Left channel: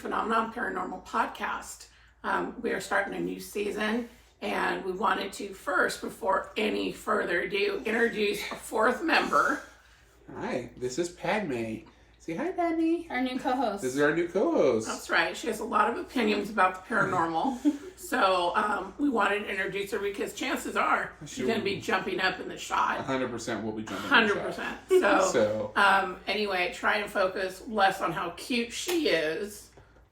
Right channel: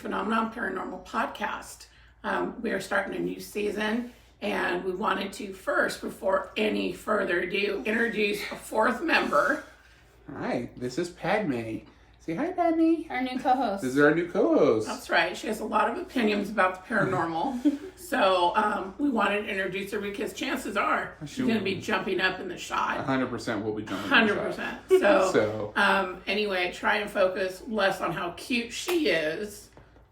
Phenomenon Paranormal podcast. We are starting a new season, and we wanted to first, before any further ado, introduce a fourth member. Hi, this is Padme. Say hi, Padme. Our new co-host. This is our new co-host. That's right. She has a lot of opinions about the paranormal. So we wanted to introduce her because chances are she's going to be jumping up in the shot. 100% will be jumping 100%. So anyway, try and focus less on how cute she is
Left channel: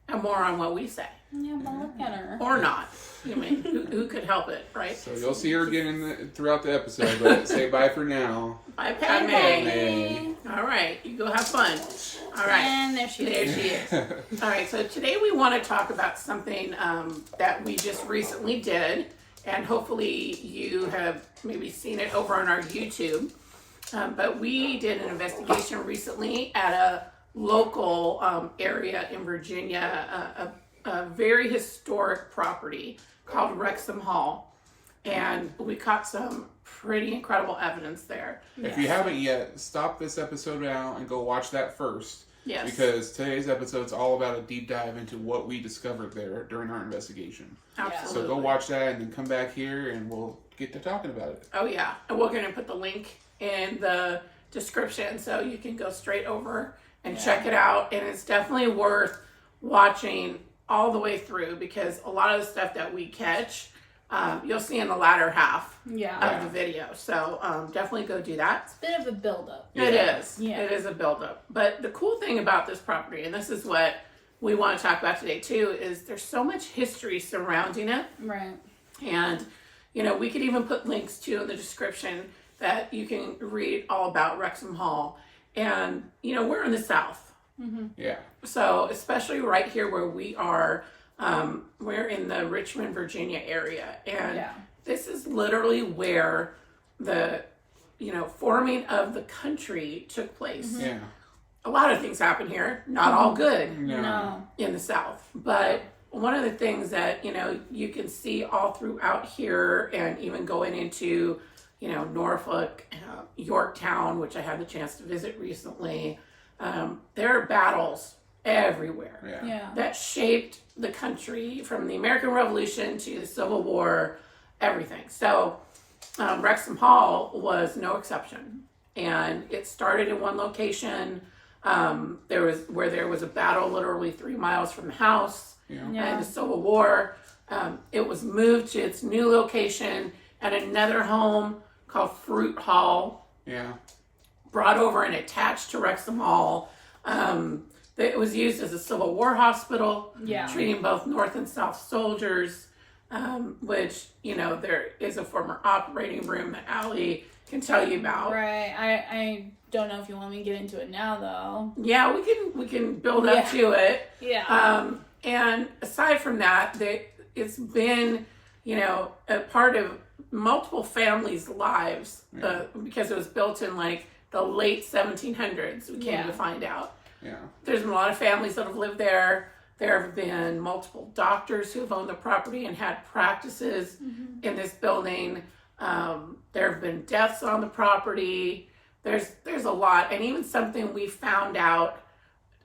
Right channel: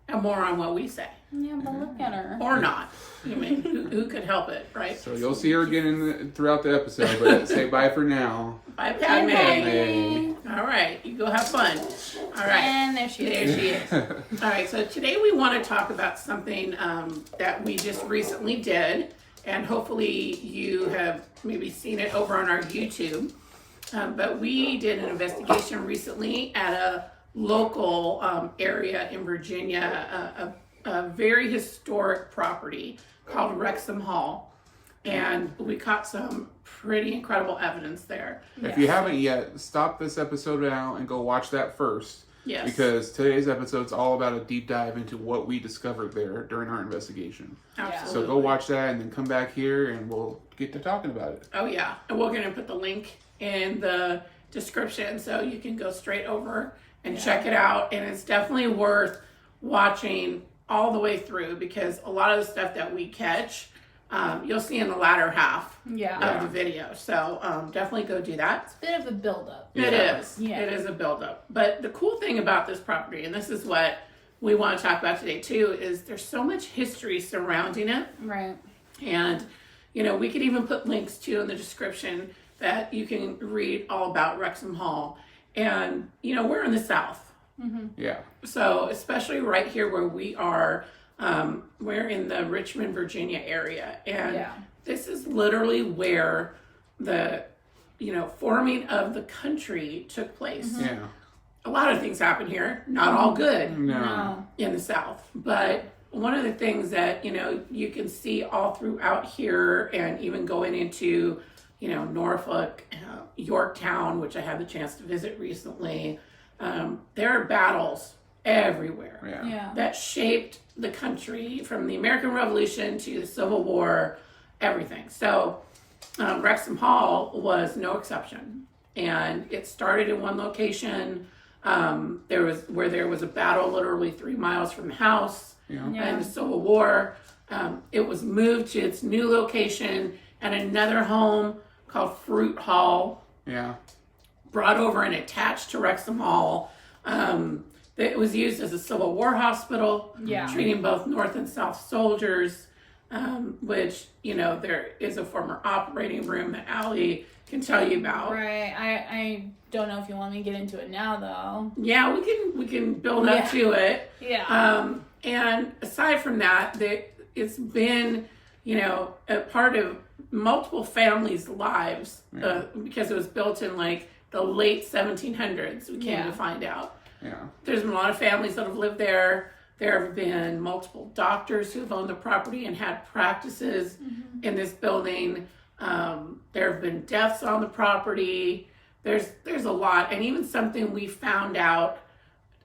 and more on what we say. Yeah, but look at her. Or not. I mean, who could help it, right? So you'll see her again throughout the episode, but say bye for now. Bye, Padme. Padme. All right, you go have fun. All right. And there she is. All right, so today we want to talk about something that we just recently did, and hopefully you have maybe seen it over on our YouTube. But we did an investigation recently at a local area in Virginia, a very historic property called Wrexham Hall, and we caught some pretty incredible evidence there. If you haven't yet, stop this episode now and go watch that first. Yes. Because today's episode is all about a deep dive into what we discovered there during our investigation. Absolutely. So go watch that and then come back here and we'll get to talking about it. Oh yeah, and we're going to put the link in the description so you can go straight over and check it out. And it's definitely worth watching all the way through because a lot of the stuff that we catch, you'll see in the latter half of the video. So definitely go do that. It's a bit of a build-up. It is. Yeah. It is a build-up. But the cool thing about this property, and this is what we want to talk about today too, is there's so much history surrounding it. Right. And, you know, we could even put links to in the description that you can read all about Wrexham Hall. And, you know, we're in the South. Mm-hmm. Yeah. So, especially right here where we are, we're in the Richmond, Virginia area. And this is literally where the, you know, forming of the country took place. Mm-hmm. Yeah. A lot of things happen here, not all good No. in the South. But one of the things that, you know, you can see all throughout here and even going into, you know, Norfolk, Yorktown, which I had the chance to visit recently, there are battles everywhere that shaped the country from the American Revolution to the Civil War, everything. So Wrexham Hall was no exception. And it started in one location. There was a battle literally 3 miles from the house and the Civil War. It was moved to its new location at another home called Fruit Hall. Yeah. Brought over and attached to Wrexham Hall. It was used as a Civil War hospital, treating both North and South soldiers, which, you know, there is a former operating room that Allie can tell you about. Right. I don't know if you want me to get into it now, though. Yeah, we can build up to it. Yeah. And aside from that, it's been, you know, a part of multiple families' lives because it was built in like the late 1700s. We came to find out. Yeah. There's been a lot of families that have lived there. There have been multiple doctors who have owned the property and had practices in this building. There have been deaths on the property. There's a lot, and even something we found out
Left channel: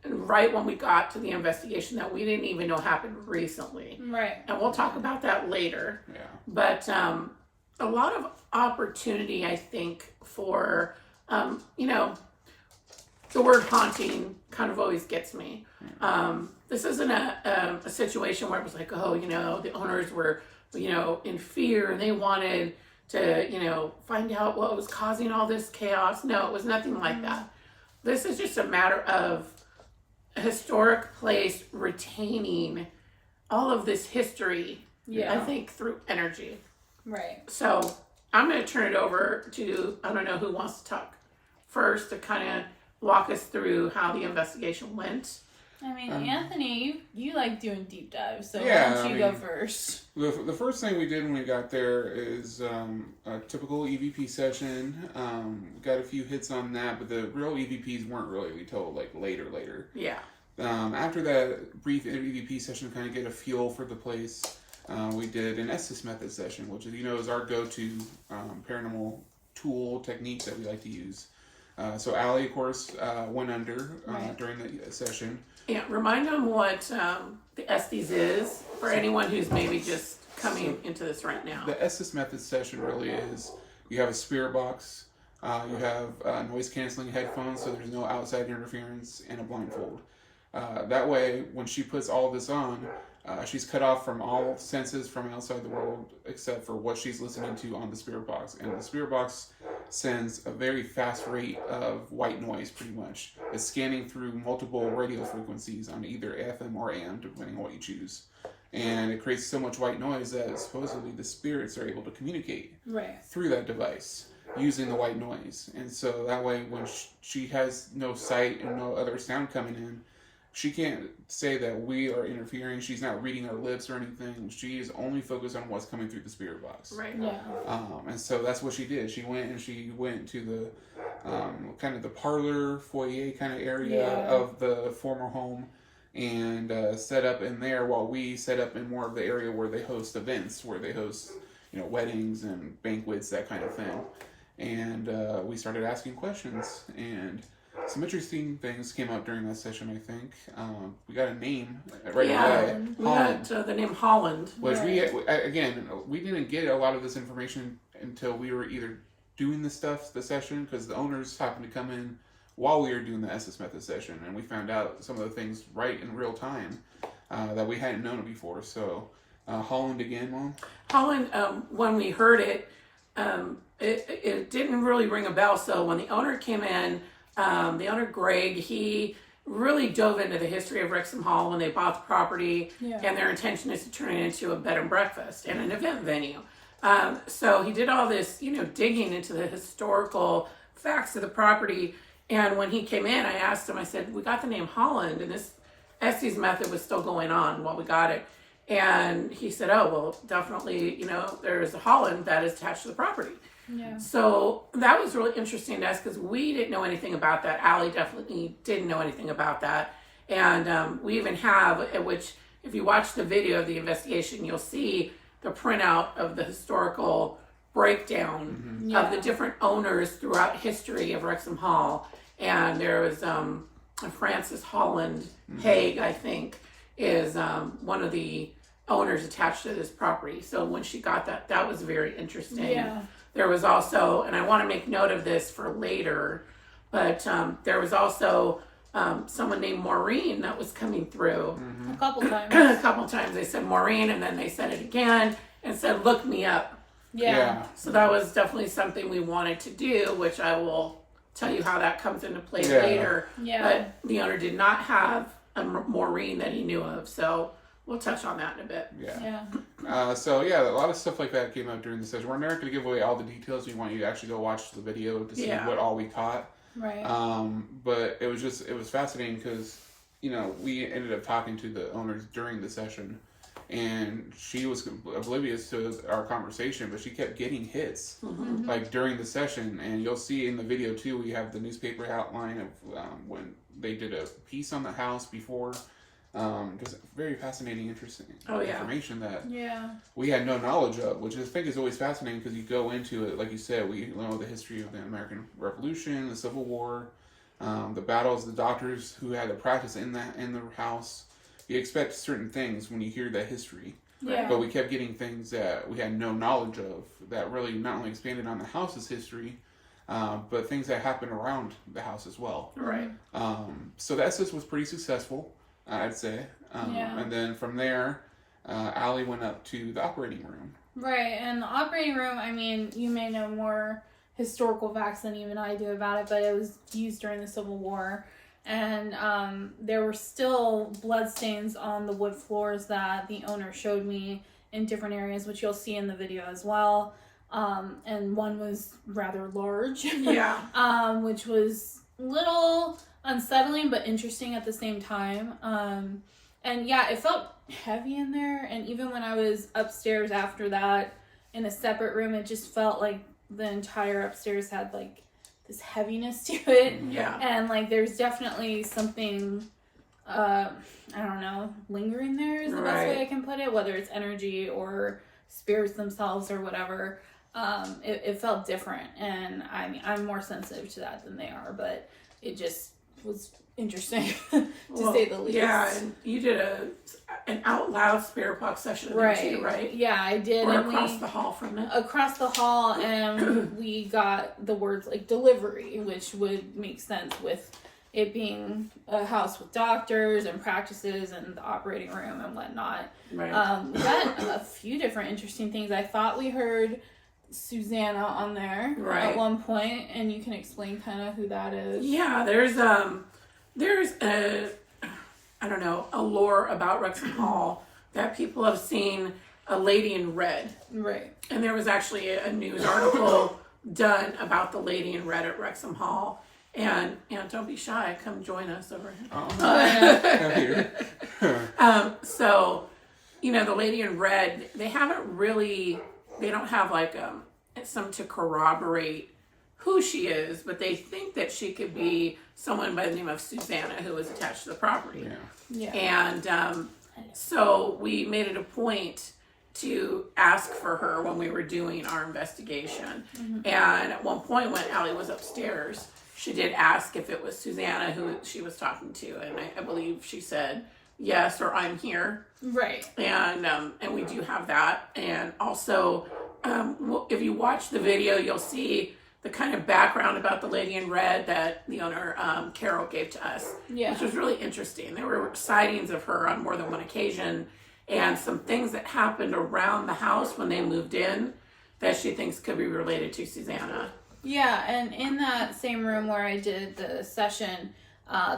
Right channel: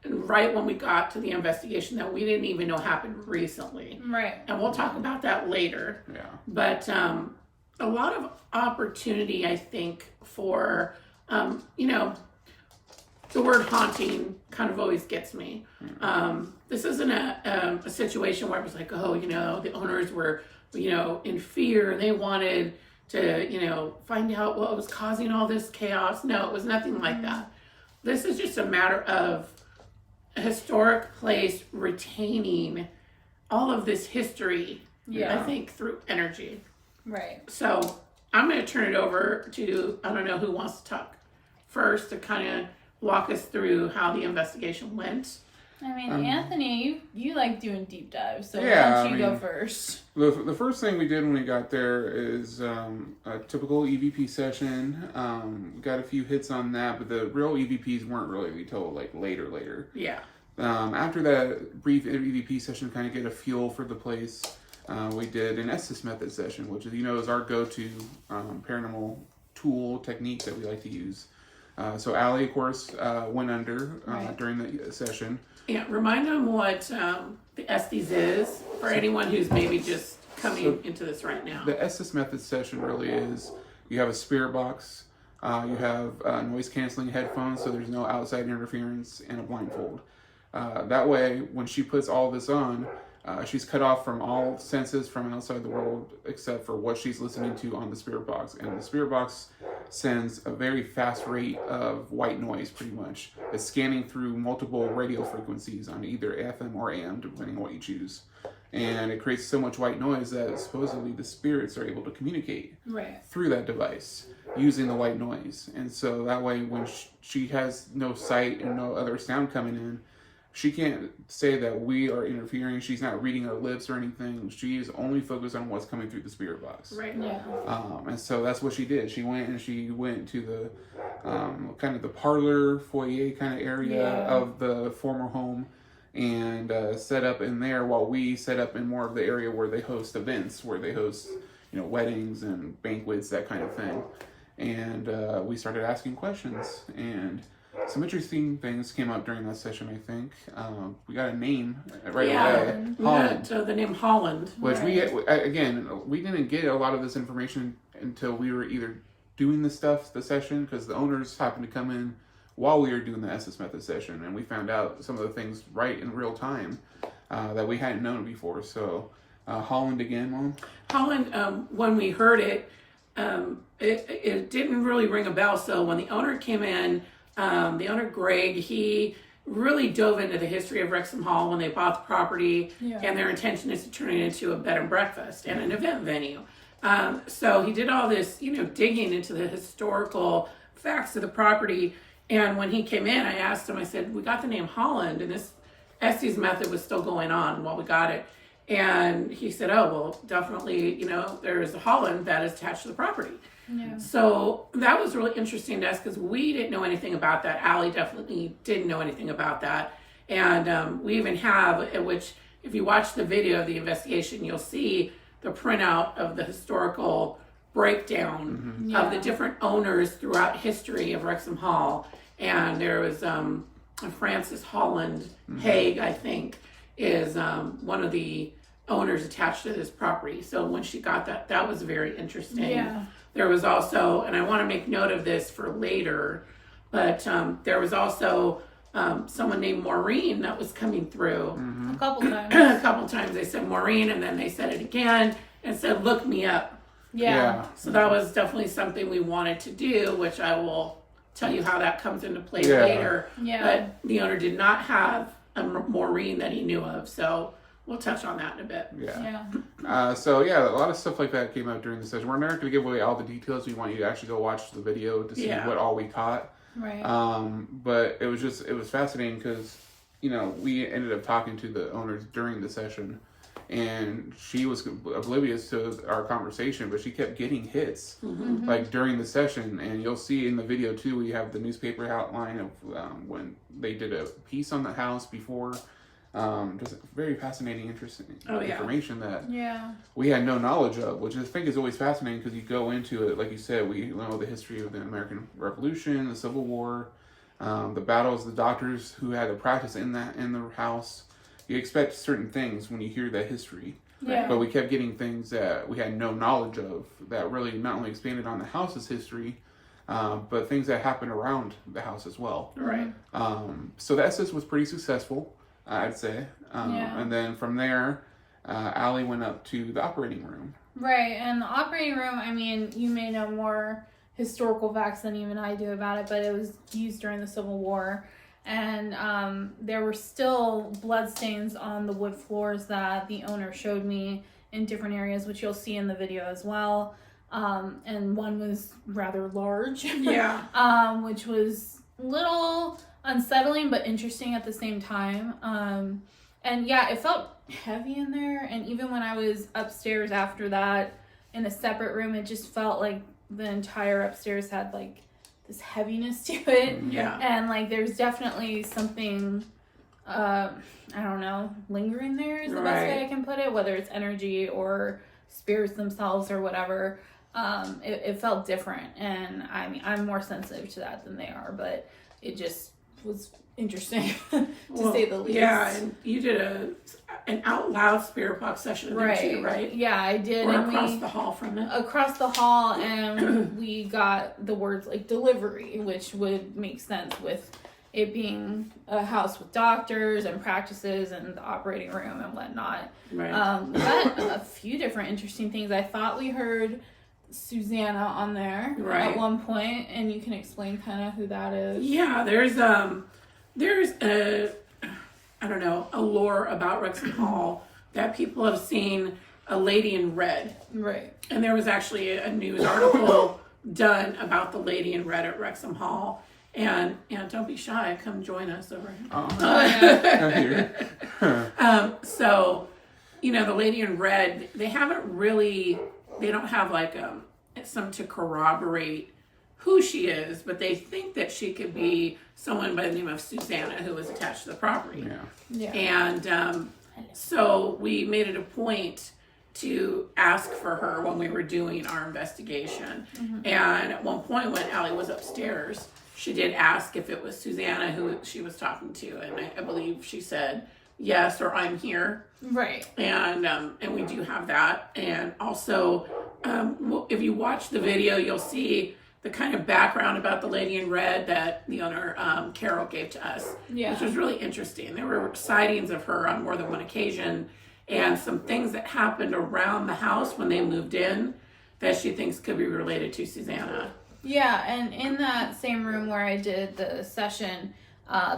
right when we got to the investigation that we didn't even know happened recently. Right. And we'll talk about that later. Yeah. But a lot of opportunity, I think, for, you know, the word haunting kind of always gets me. This isn't a situation where it was like, oh, you know, the owners were, you know, in fear and they wanted to, you know, find out what was causing all this chaos. No, it was nothing like that. This is just a matter of a historic place retaining all of this history, I think, through energy. Right. So I'm going to turn it over to, I don't know who wants to talk first to kind of walk us through how the investigation went. I mean, Anthony, you like doing deep dives, so Yeah, why don't you go first? The first thing we did when we got there is a typical EVP session. We got a few hits on that, but the real EVPs weren't really until like later. Yeah. After that brief EVP session, kind of get a feel for the place, we did an Estes method session, which is, you know, is our go-to paranormal tool technique that we like to use. So Allie, of course, went under Right. during the session. Yeah, remind them what the Estes is for anyone who's maybe just coming into this right now. The Estes method session really is, you have a spirit box, you have noise canceling headphones so there's no outside interference, and a blindfold. That way, when she puts all this on, she's cut off from all senses from outside the world except for what she's listening to on the spirit box. And the spirit box sends a very fast rate of white noise, pretty much. It's scanning through multiple radio frequencies on either FM or AM, depending on what you choose. And it creates so much white noise that supposedly the spirits are able to communicate through that device using the white noise. And so that way, when she has no sight and no other sound coming in, she can't say that we are interfering. She's not reading her lips or anything. She is only focused on what's coming through the spirit box. Right. Yeah. And so that's what she did. She went to the kind of the parlor foyer kind of area of the former home, and set up in there while we set up in more of the area where they host events, where they host, weddings and banquets, that kind of thing. And we started asking questions, and some interesting things came up during that session, I think. We got a name right away. We got the name Holland. Which we didn't get a lot of this information until we were either doing the session, because the owners happened to come in while we were doing the Estes Method session, and we found out some of the things right in real time that we hadn't known before. So, Holland again, Mom? Holland, when we heard it, it didn't really ring a bell. So when the owner came in, the owner Greg, he really dove into the history of Wrexham Hall when they bought the property, and their intention is to turn it into a bed and breakfast and an event venue. So he did all this, digging into the historical facts of the property. And when he came in, I asked him, I said, we got the name Holland, and this Estes method was still going on while we got it. And he said, oh, well, definitely, there's a Holland that is attached to the property. Yeah. So that was really interesting to us because we didn't know anything about that. Allie definitely didn't know anything about that. And we even have, which if you watch the video of the investigation, you'll see the printout of the historical breakdown of the different owners throughout history of Wrexham Hall. And there was Francis Holland Haig, I think, is one of the owners attached to this property. So when she got that was very interesting. Yeah. There was also, and I want to make note of this for later, but there was also someone named Maureen that was coming through. A couple times. A couple times they said Maureen, and then they said it again and said, look me up. Yeah. So that was definitely something we wanted to do, which I will tell you how that comes into play later. Yeah. But the owner did not have a Maureen that he knew of, so we'll touch on that in a bit. So a lot of stuff like that came out during the session. We're not going to give away all the details. We want you to actually go watch the video to see what all we caught. Right. But it was fascinating because, we ended up talking to the owners during the session, and she was oblivious to our conversation, but she kept getting hits like during the session. And you'll see in the video too, we have the newspaper outline of when they did a piece on the house before. Just very fascinating, interesting information that we had no knowledge of, which I think is always fascinating because you go into it, like you said, we know the history of the American Revolution, the Civil War, the battles, the doctors who had to practice in the house. You expect certain things when you hear that history, but we kept getting things that we had no knowledge of that really not only expanded on the house's history, but things that happened around the house as well. Right. So that Estes was pretty successful, I'd say. And then from there, Allie went up to the operating room. Right, and the operating room, I mean, you may know more historical facts than even I do about it, but it was used during the Civil War. And there were still bloodstains on the wood floors that the owner showed me in different areas, which you'll see in the video as well. And one was rather large, which was a little unsettling but interesting at the same time. And it felt heavy in there. And even when I was upstairs after that in a separate room, it just felt like the entire upstairs had like this heaviness to it. And like there's definitely something I don't know, lingering there is the best way I can put it, whether it's energy or spirits themselves or whatever. it felt different. And I mean, I'm more sensitive to that than they are, but it just was interesting to say the least. Yeah, and you did an out loud spirit box session, right? Yeah, I did. Or and across the hall from it. Across the hall, and we got the words like delivery, which would make sense with it being a house with doctors and practices and the operating room and whatnot. Right. We got a few different interesting things. I thought we heard Susanna on there at one point, and you can explain kind of who that is. Yeah, there's a, I don't know, a lore about Wrexham Hall that people have seen a lady in red. Right. And there was actually a news article done about the lady in red at Wrexham Hall. And don't be shy, come join us over here. So, the lady in red, they don't have like some to corroborate who she is, but they think that she could be someone by the name of Susanna who was attached to the property. Yeah. And so we made it a point to ask for her when we were doing our investigation. Mm-hmm. And at one point when Allie was upstairs, she did ask if it was Susanna who she was talking to, and I believe she said yes, or I'm here. Right. And we do have that. And also, if you watch the video, you'll see the kind of background about the lady in red that the owner, Carol, gave to us, which was really interesting. There were sightings of her on more than one occasion, and some things that happened around the house when they moved in that she thinks could be related to Susanna. Yeah, and in that same room where I did the session,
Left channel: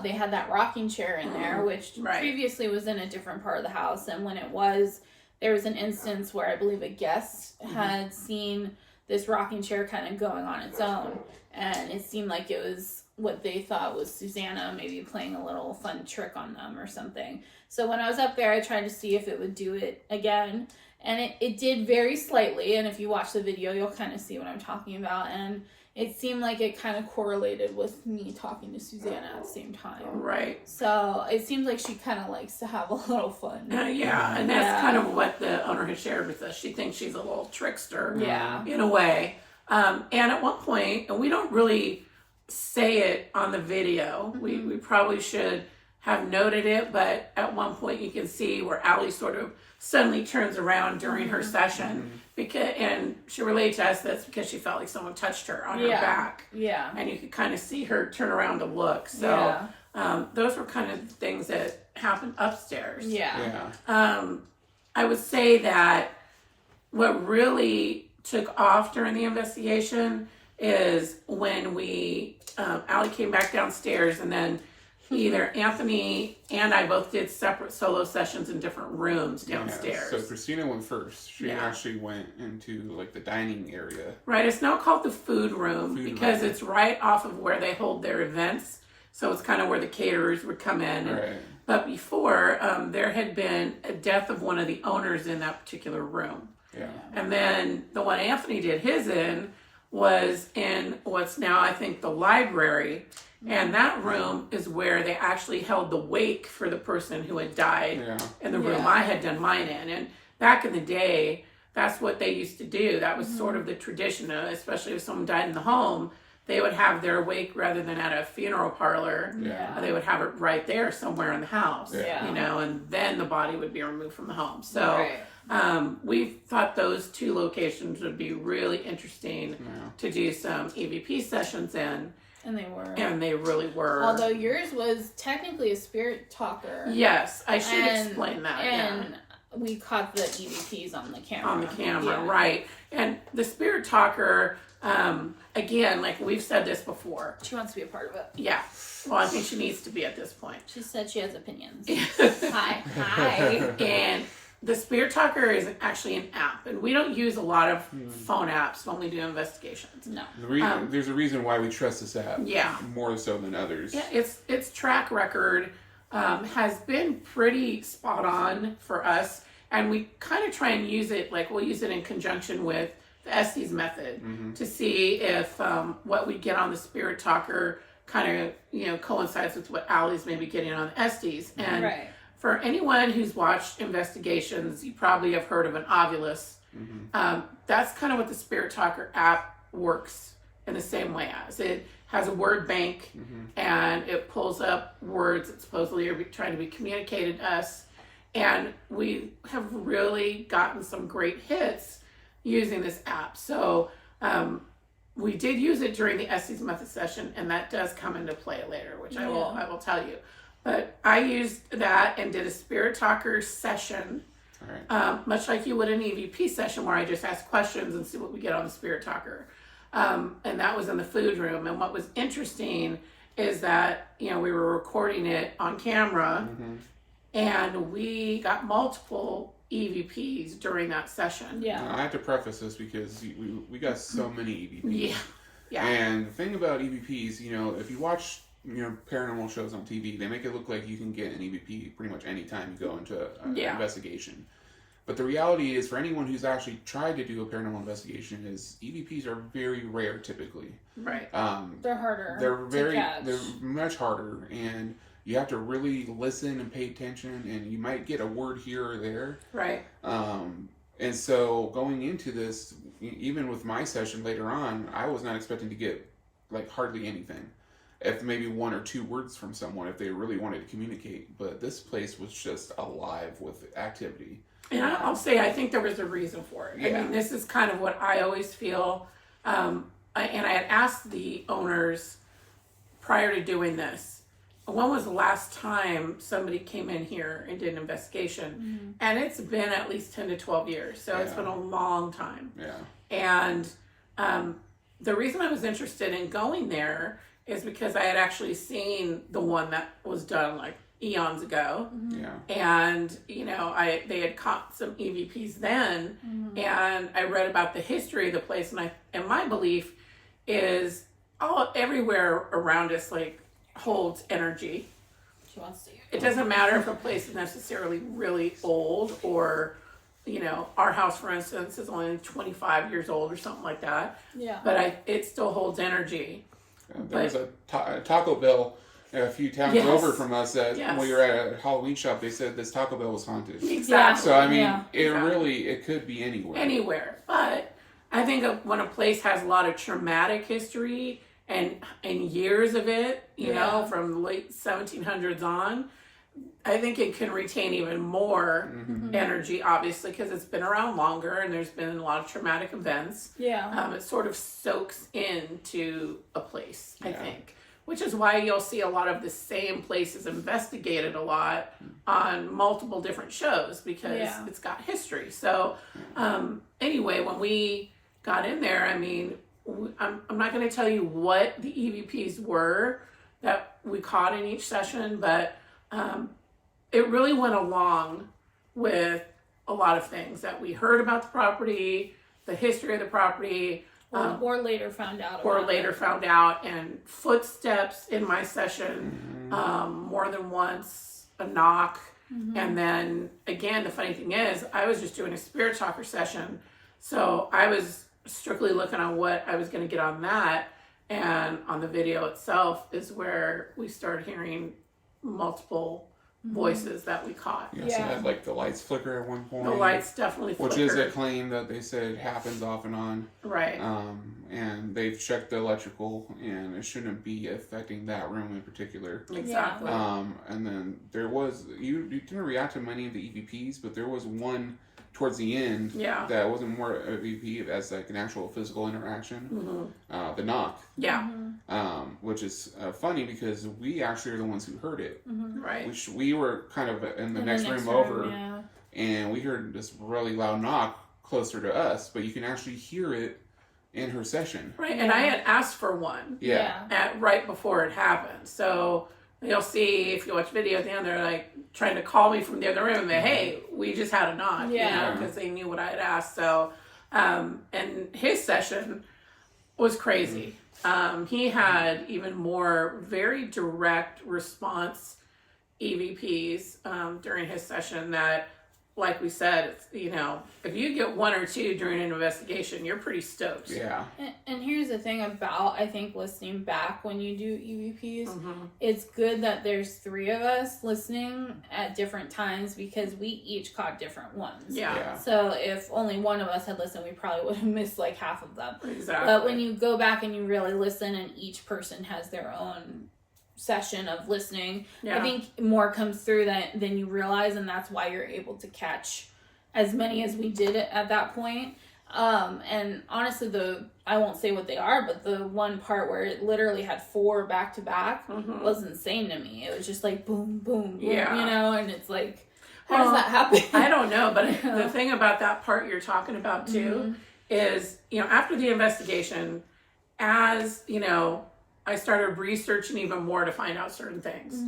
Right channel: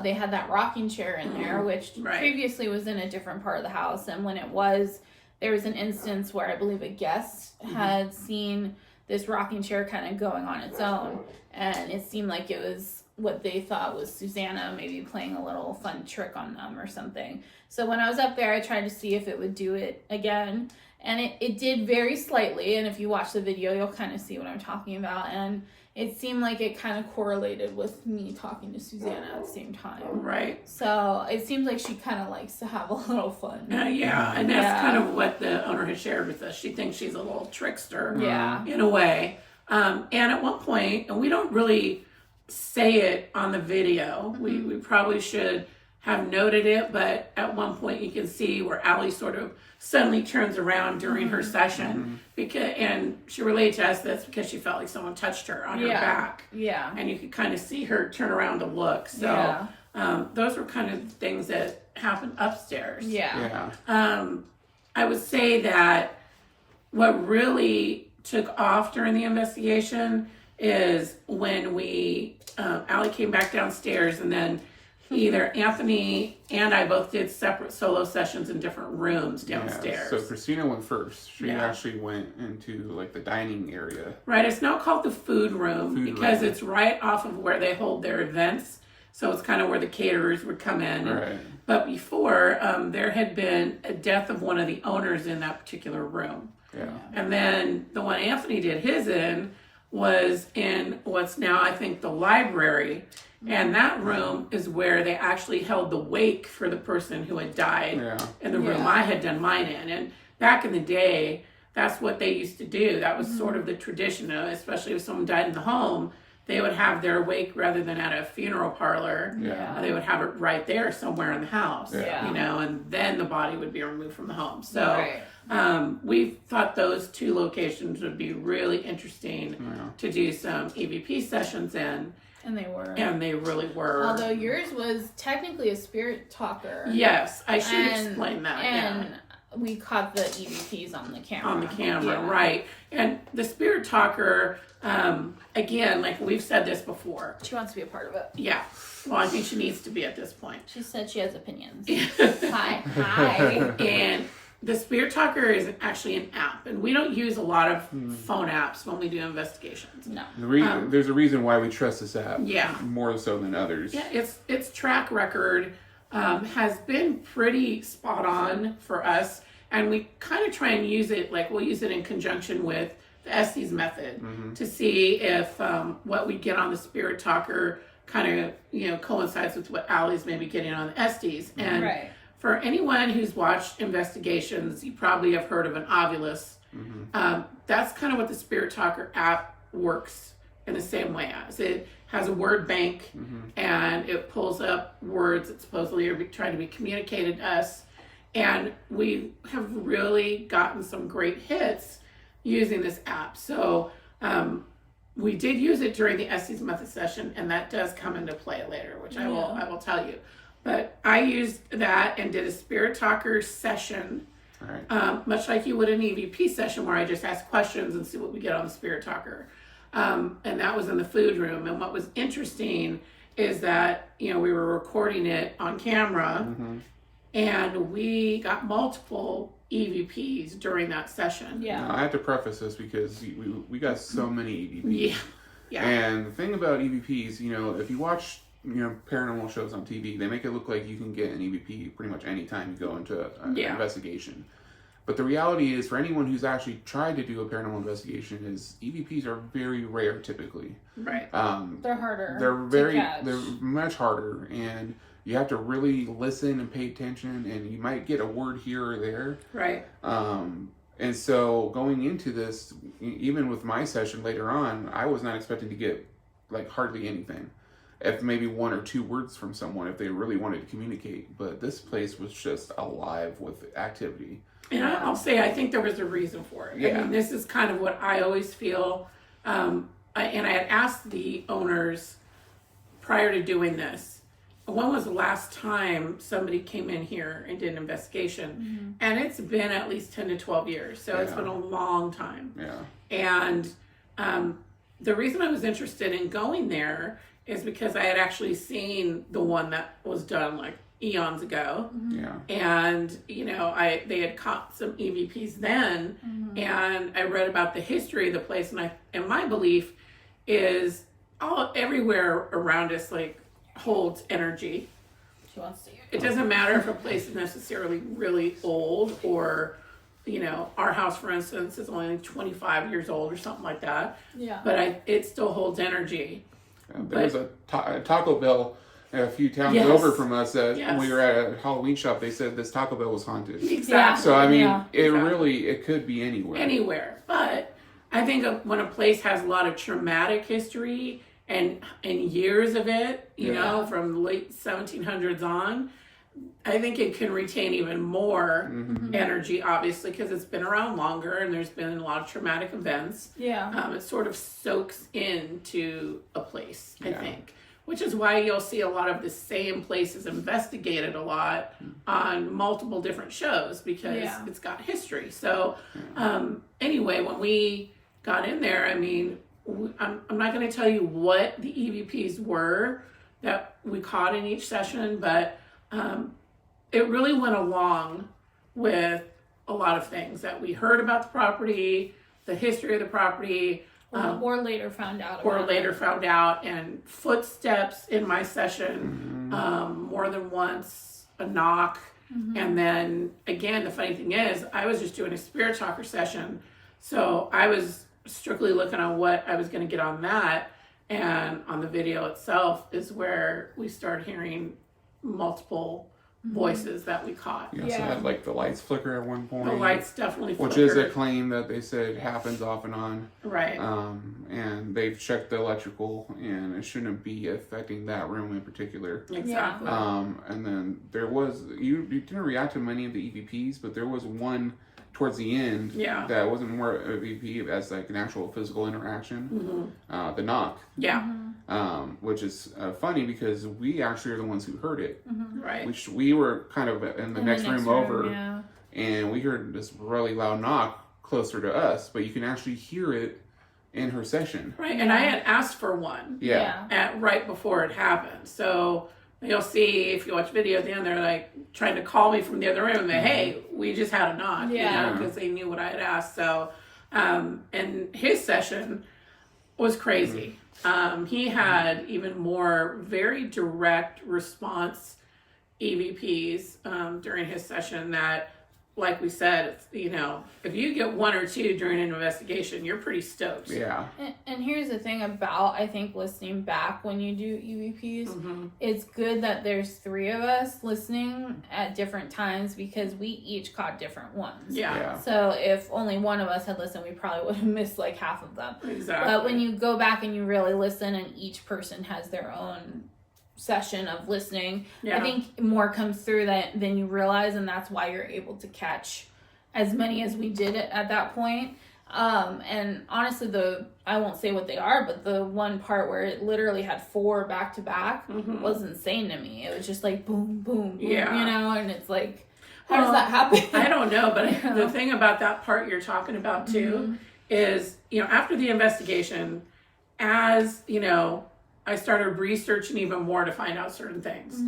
they had that rocking chair in there, which previously was in a different part of the house. And when there was an instance where I believe a guest had seen this rocking chair kind of going on its own. And it seemed like it was what they thought was Susanna maybe playing a little fun trick on them or something. So when I was up there, I tried to see if it would do it again. And it did very slightly. And if you watch the video, you'll kind of see what I'm talking about. And it seemed like it kind of correlated with me talking to Susanna at the same time. Right. So it seems like she kind of likes to have a little fun. Yeah, and that's kind of what the owner has shared with us. She thinks she's a little trickster. Yeah. In a way. And at one point, and we don't really say it on the video. Mm-hmm. We probably should have noted it, but at one point you can see where Allie sort of suddenly turns around during her session, and she relayed to us that's because she felt like someone touched her on her back. Yeah. And you could kind of see her turn around to look. So those were kind of things that happened upstairs. Yeah. I would say that what really took off during the investigation is when Allie came back downstairs, and then either Anthony and I both did separate solo sessions in different rooms downstairs. So Christina went first. She actually went into like the dining area. Right. It's now called the food room because it's right off of where they hold their events. So it's kind of where the caterers would come in. Right. But before, there had been a death of one of the owners in that particular room. Yeah. And then the one Anthony did his in was in what's now, I think, the library. And that room is where they actually held the wake for the person who had died in the room I had done mine in. And back in the day, that's what they used to do. That was sort of the tradition, especially if someone died in the home. They would have their wake rather than at a funeral parlor. Yeah. They would have it right there somewhere in the house. Yeah. And then the body would be removed from the home. So we thought those two locations would be really interesting to do some EVP sessions in. And they were. And they really were. Although yours was technically a spirit talker. Yes, I should explain that. And we caught the EVPs on the camera. Right. And the spirit talker, again, like we've said this before. She wants to be a part of it. Yeah. Well, I think she needs to be at this point. She said she has opinions. Hi. And the Spirit Talker is actually an app, and we don't use a lot of phone apps when we do investigations. No. There's a reason why we trust this app. Yeah. More so than others. Yeah, its track record has been pretty spot on for us, and we kind of try and use it, like we'll use it in conjunction with the Estes method to see if what we get on the Spirit Talker kind of, coincides with what Allie's maybe getting on the Estes. And for anyone who's watched investigations, you probably have heard of an ovulus That's kind of what the Spirit Talker app works in the same way as. It has a word bank, and it pulls up words that supposedly are trying to be communicated to us. And we have really gotten some great hits using this app. So we did use it during the Estes Method session, and that does come into play later, which I will tell you. But I used that and did a Spirit Talker session, much like you would an EVP session, where I just ask questions and see what we get on the Spirit Talker. And that was in the food room. And what was interesting is that, we were recording it on camera, and we got multiple EVPs during that session. Yeah. I have to preface this because we got so many EVPs. Yeah. And the thing about EVPs, if you watch paranormal shows on TV, they make it look like you can get an EVP pretty much any time you go into an investigation. But the reality is, for anyone who's actually tried to do a paranormal investigation, is EVPs are very rare typically. Right. They're harder. They're much harder, and you have to really listen and pay attention, and you might get a word here or there. Right. And so going into this, even with my session later on, I was not expecting to get like hardly anything. If maybe one or two words from someone, if they really wanted to communicate. But this place was just alive with activity. And I'll say, I think there was a reason for it. Yeah. I mean, this is kind of what I always feel. And I had asked the owners prior to doing this, when was the last time somebody came in here and did an investigation? And it's been at least 10 to 12 years. So it's been a long time. Yeah. And the reason I was interested in going there is because I had actually seen the one that was done like eons ago. Yeah. And, they had caught some EVPs then, and I read about the history of the place, and my belief is everywhere around us, like, holds energy. She wants to. It doesn't matter if a place is necessarily really old, or, our house, for instance, is only 25 years old or something like that. Yeah. But it still holds energy. There was a Taco Bell a few towns over from us that when we were at a Halloween shop, they said this Taco Bell was haunted. Exactly. So, I mean, it could be anywhere. Anywhere. But I think when a place has a lot of traumatic history and years of it, from the late 1700s on, I think it can retain even more energy, obviously, because it's been around longer and there's been a lot of traumatic events. Yeah. It sort of soaks into a place, I think, which is why you'll see a lot of the same places investigated a lot on multiple different shows, because it's got history. So anyway, when we got in there, I mean, I'm not going to tell you what the EVPs were that we caught in each session, but it really went along with a lot of things that we heard about the property, the history of the property, or later found out. Found out, and footsteps in my session, more than once, a knock, and then again, the funny thing is, I was just doing a Spirit Talker session, so I was strictly looking on what I was going to get on that, and on the video itself is where we started hearing multiple voices that we caught. So that, like, the lights flicker at one point. The lights definitely flickered. Which is a claim that they said happens off and on. Right. And they've checked the electrical, and it shouldn't be affecting that room in particular. Exactly. And then there was, you didn't react to many of the EVPs, but there was one towards the end that wasn't more of EVP as like an actual physical interaction. The knock. Which is funny because we actually are the ones who heard it. Right. We were kind of in the next room over, and we heard this really loud knock closer to us, but you can actually hear it in her session. Right, and I had asked for one right before it happened. So you'll see, if you watch video at the end, they're like trying to call me from the other room and say, hey, we just had a knock, because they knew what I had asked. So, and his session was crazy. He had even more very direct response EVPs during his session that like we said, it's, you know, if you get 1 or 2 during an investigation, you're pretty stoked. Yeah. And here's the thing about, I think, listening back when you do EVPs, Mm-hmm. it's good that there's 3 of us listening at different times because we each caught different ones. Yeah. Yeah. So if only one of us had listened, we probably would have missed like half of them. Exactly. But when you go back and you really listen and each person has their own session of listening, yeah. I think more comes through than you realize, and that's why you're able to catch as many as we did at that point. And honestly, I won't say what they are, but the one part where it literally had 4 back to back Mhm. was insane to me. It was just like boom, boom, boom, Yeah. you know, and it's like, how Well, does that happen? I don't know, but You know? the thing about that part you're talking about too is, you know, after the investigation, as, you know, I started researching even more to find out certain things.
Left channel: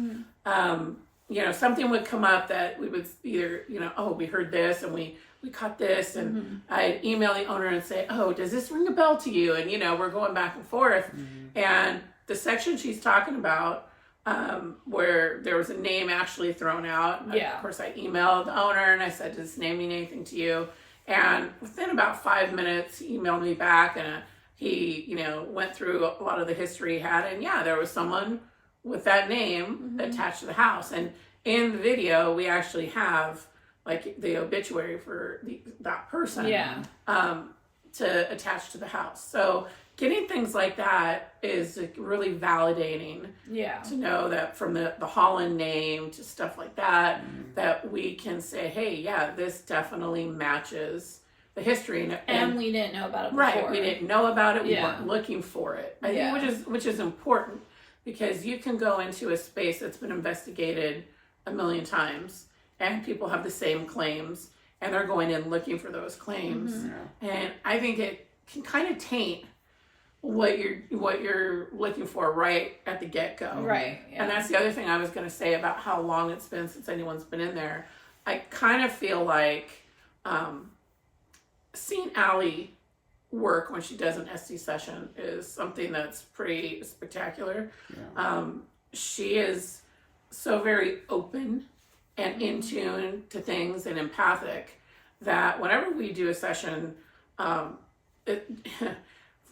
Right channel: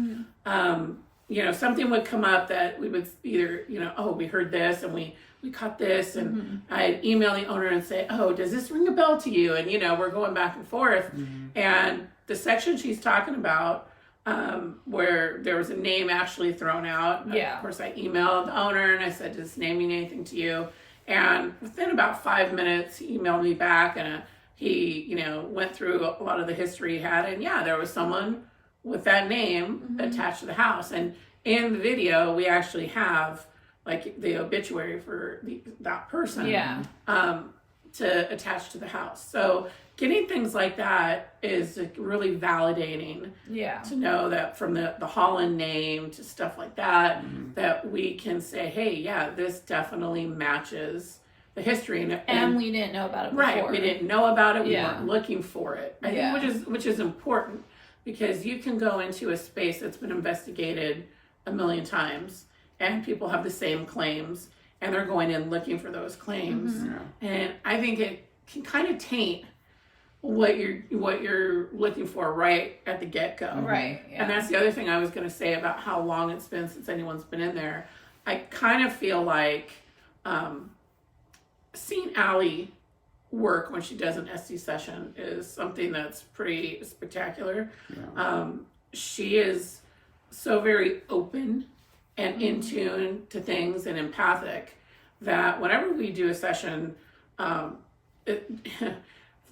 You know, something would come up that we would either, you know, oh, we heard this and we caught this, and I'd email the owner and say, oh, does this ring a bell to you? And, you know, we're going back and forth. And the section she's talking about, where there was a name actually thrown out. Yeah. Of course, I emailed the owner and I said, does this name mean anything to you? And within about 5 minutes, he emailed me back, and he, you know, went through a lot of the history he had. And yeah, there was someone with that name attached to the house. And in the video, we actually have like the obituary for that person Yeah. To attach to the house. So getting things like that is like really validating Yeah. to know that from the Holland name to stuff like that, that we can say, hey, yeah, this definitely matches the history. And we didn't know about it before. right, we didn't know about it. We Yeah. weren't looking for it. I Yeah. think which is important, because you can go into a space that's been investigated a million times and people have the same claims and they're going in looking for those claims. Yeah. And I think it can kind of taint what you're looking for right at the get-go. Right. Yeah. And that's the other thing I was going to say about how long it's been since anyone's been in there. I kind of feel like seeing Allie work when she does an SD session is something that's pretty spectacular. Yeah. She is so very open and in tune to things and empathic that whenever we do a session, for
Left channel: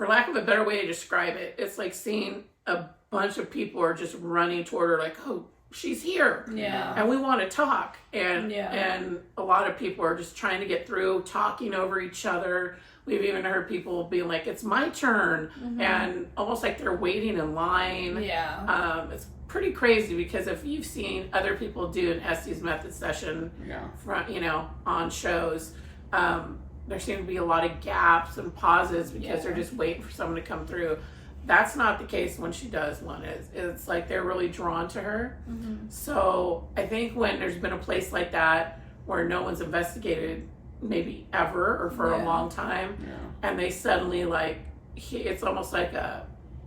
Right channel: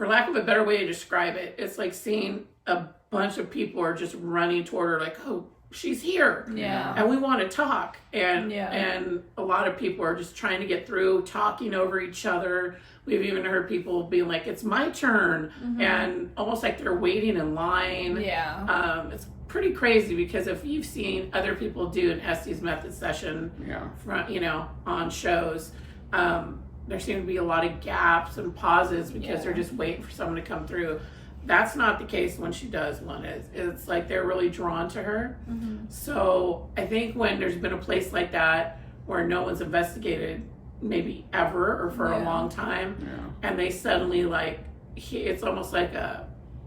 lack of a better way to describe it, it's like seeing a bunch of people are just running toward her like, oh, she's here. Yeah. And we want to talk. And Yeah. and a lot of people are just trying to get through, talking over each other. We've even heard people being like, it's my turn. And almost like they're waiting in line. Yeah. It's pretty crazy, because if you've seen other people do an Estes method session Yeah. front, you know, on shows, there seem to be a lot of gaps and pauses because they're just waiting for someone to come through. That's not the case when she does one. It's like they're really drawn to her. So I think when there's been a place like that where no one's investigated maybe ever or for a long time, Yeah. and they suddenly like, it's almost like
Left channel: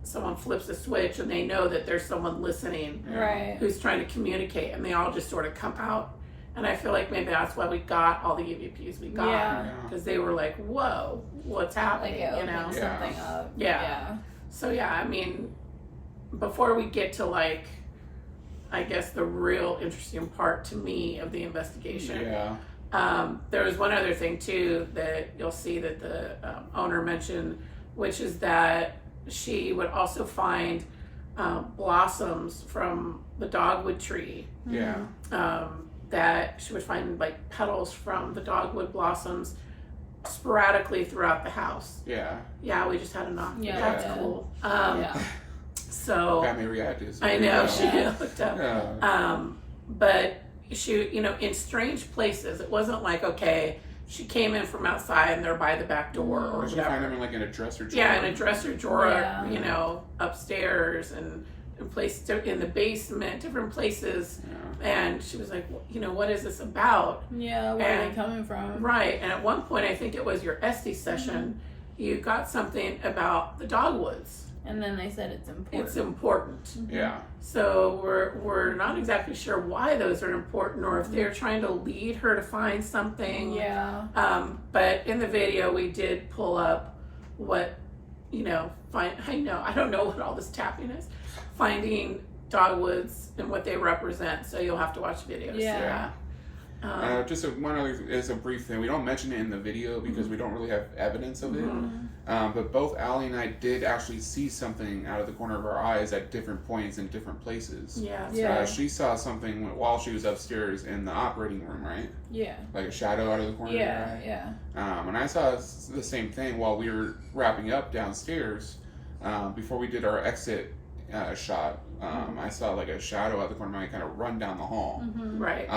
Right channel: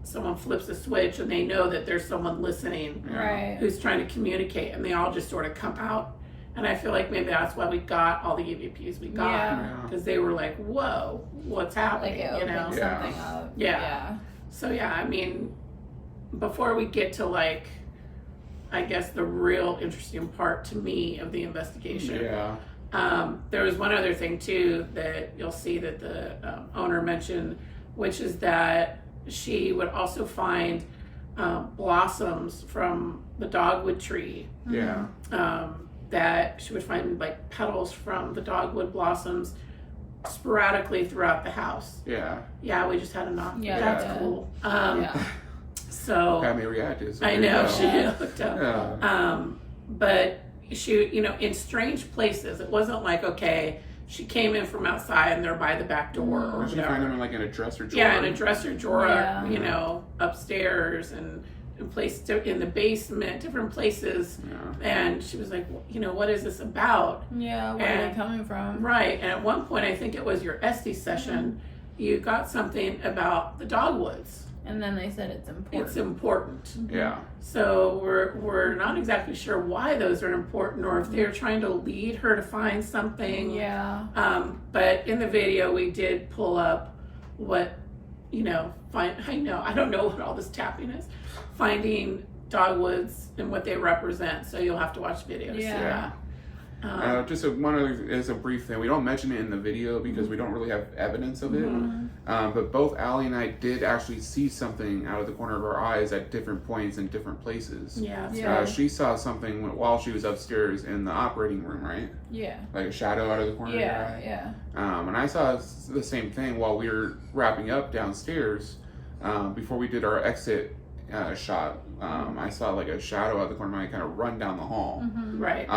someone flips a switch and they know that there's someone listening Right. who's trying to communicate, and they all just sort of come out. And I feel like maybe that's why we got all the EVPs we got, Yeah. because they were like, whoa, what's happening, Like it you know? opened something up. Yeah. So yeah, I mean, before we get to like, I guess the real interesting part to me of the investigation, Yeah. there was one other thing too that you'll see that the owner mentioned, which is that she would also find blossoms from the dogwood tree. Yeah. That she would find like petals from the dogwood blossoms sporadically throughout the house. Yeah. Yeah, we just had a knock. Yeah, That's yeah. cool. Yeah. So Got me reacted. So I know she Yeah. looked up. Yeah. But she, you know, in strange places. It wasn't like, okay, she came in from outside and they're by the back door or Or you find whatever. them in like in a dresser drawer. Yeah, in a dresser drawer, Yeah. you know, upstairs and in the basement, different places. Yeah. And she was like, well, you know, what is this about? Yeah. Where are they And- coming from? Right. And at one point, I think it was your Estes session, you got something about the dogwoods. And then they said it's important. It's important. Yeah. So we're not exactly sure why those are important, or if they're trying to lead her to find something. Yeah. But in the video, we did pull up what, you know, I don't know what all this tapping is. Finding dogwoods and what they represent. So you'll have to watch videos. Yeah. Just one other, it's a brief thing. We don't mention it in the video because we don't really have evidence of it. But both Allie and I did actually see something out of the corner of our eyes at different points in different places. Yeah. She saw something while she was upstairs in the operating room, right? Yeah. Like a shadow out of the corner of her eye. Yeah. And I saw the same thing while we were wrapping up downstairs. Before we did our exit shot, I saw like a shadow out the corner of my eye kind of run down the hall. Right.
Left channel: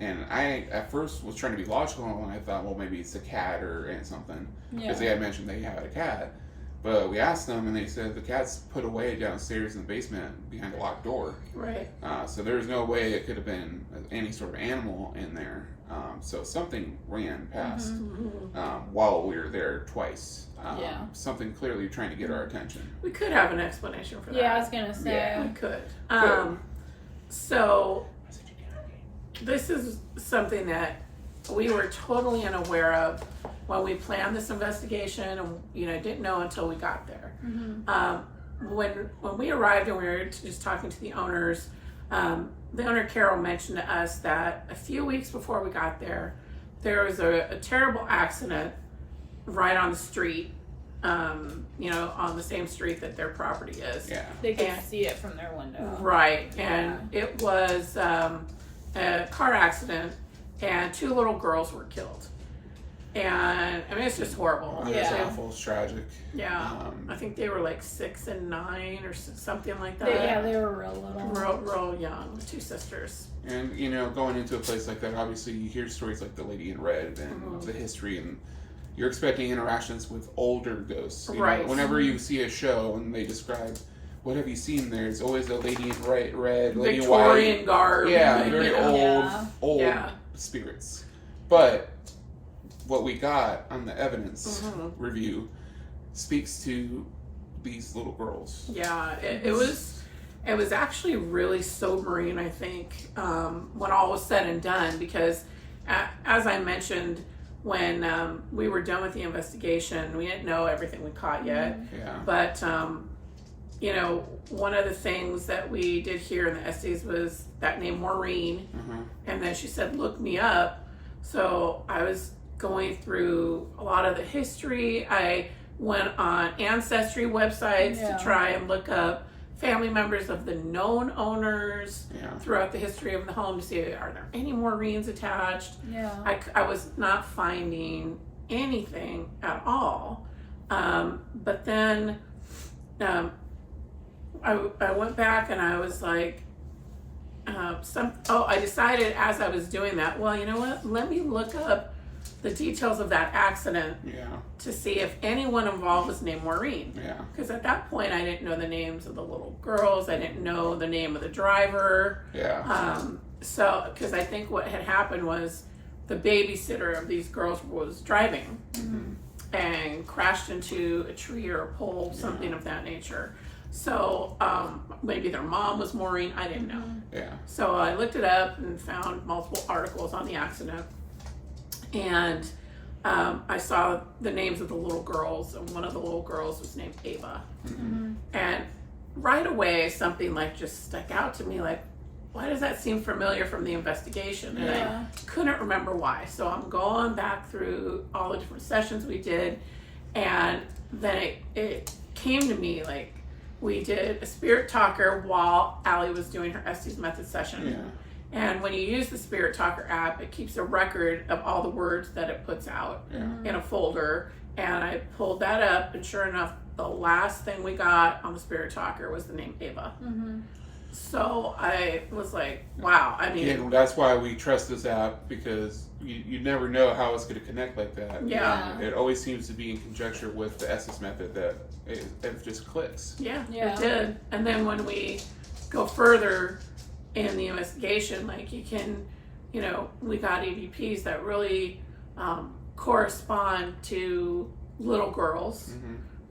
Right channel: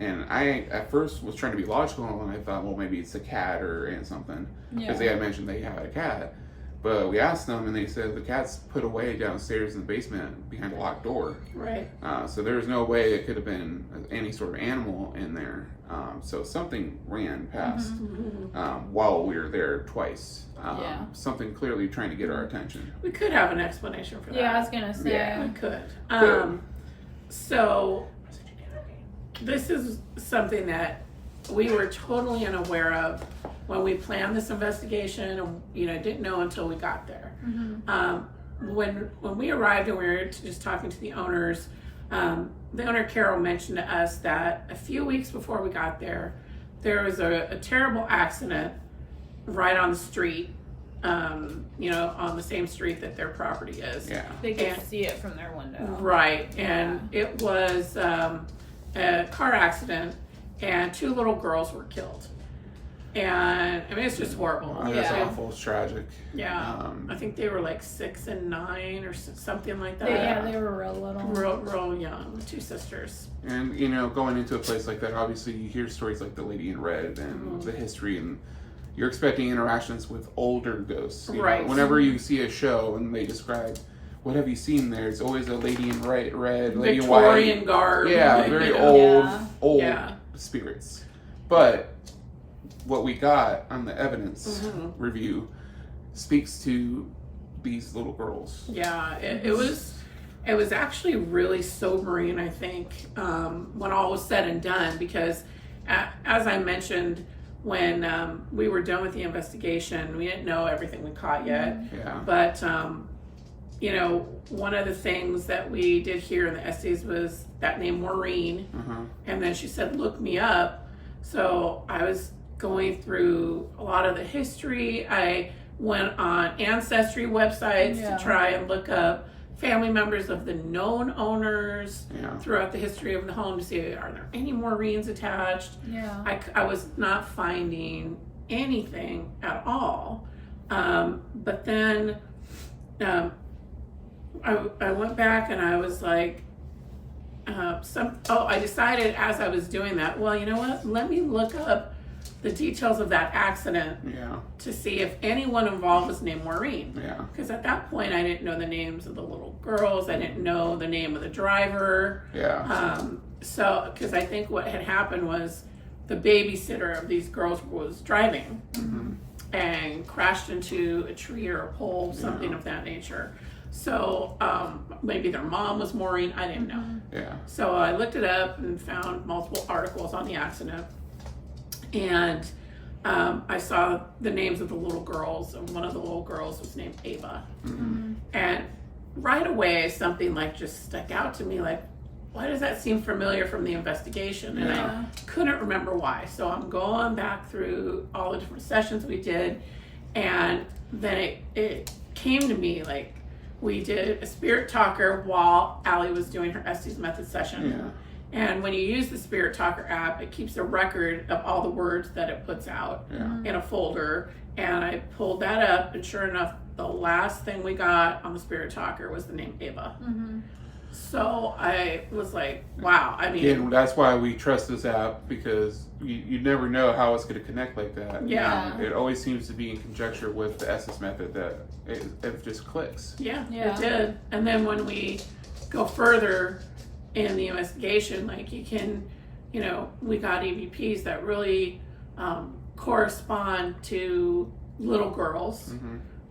And I at first was trying to be logical, and I thought, well, maybe it's a cat or something, because they had mentioned they had a cat. But we asked them, and they said the cat's put away downstairs in the basement behind a locked door. Right. So there was no way it could have been any sort of animal in there. So something ran past while we were there twice. Something clearly trying to get our attention. We could have an explanation for that. Yeah, I was gonna say. Yeah, we could. So this is something that we were totally unaware of when we planned this investigation, and didn't know until we got there. When we arrived and we were just talking to the owners, the owner Carol mentioned to us that a few weeks before we got there was a terrible accident right on the street, on the same street that their property is. Yeah. They could see it from their window. Right, and it was a car accident, and 2 little girls were killed. And I mean, it's just horrible. It's awful. It's tragic. Yeah, I think they were like 6 and 9 or something like that. They were real little. Real young, 2 sisters. And going into a place like that, obviously you hear stories like the Lady in Red and the history, and you're expecting interactions with older ghosts. Right. Whenever you see a show and they describe, what have you seen there? It's always a lady in red, lady in white. Victorian garb. Yeah, very old spirits. But what we got on the evidence review speaks to these little girls. Yeah, it was actually really sobering, I think, when all was said and done, because as I mentioned, when we were done with the investigation, we didn't know everything we caught yet. Yeah. But one of the things that we did hear in the essays was that name Maureen, and then she said, "Look me up." So I was going through a lot of the history. I went on ancestry websites to try and look up family members of the known owners throughout the history of the home to see, are there any Maureens attached? I was not finding anything at all. But then I went back and I was like, I decided as I was doing that, well, you know what? Let me look up the details of that accident to see if anyone involved was named Maureen. Because at that point, I didn't know the names of the little girls. I didn't know the name of the driver. So, because I think what had happened was the babysitter of these girls was driving and crashed into a tree or a pole, something of that nature. So maybe their mom was Maureen. I didn't know. So I looked it up and found multiple articles on the accident. And I saw the names of the little girls, and one of the little girls was named Ava. And right away, something like just stuck out to me, like, why does that seem familiar from the investigation? And I couldn't remember why. So I'm going back through all the different sessions we did, and then it came to me, like, we did a spirit talker while Allie was doing her Estes Method session. And when you use the Spirit Talker app, it keeps a record of all the words that it puts out in a folder. And I pulled that up, and sure enough, the last thing we got on the Spirit Talker was the name Ava. So I was like, wow. I mean, and that's why we trust this app, because you never know how it's going to connect like that. It always seems to be in conjecture with the Estes method that it just clicks. It did. And then when we go further in the investigation, like we got EVPs that really correspond to little girls,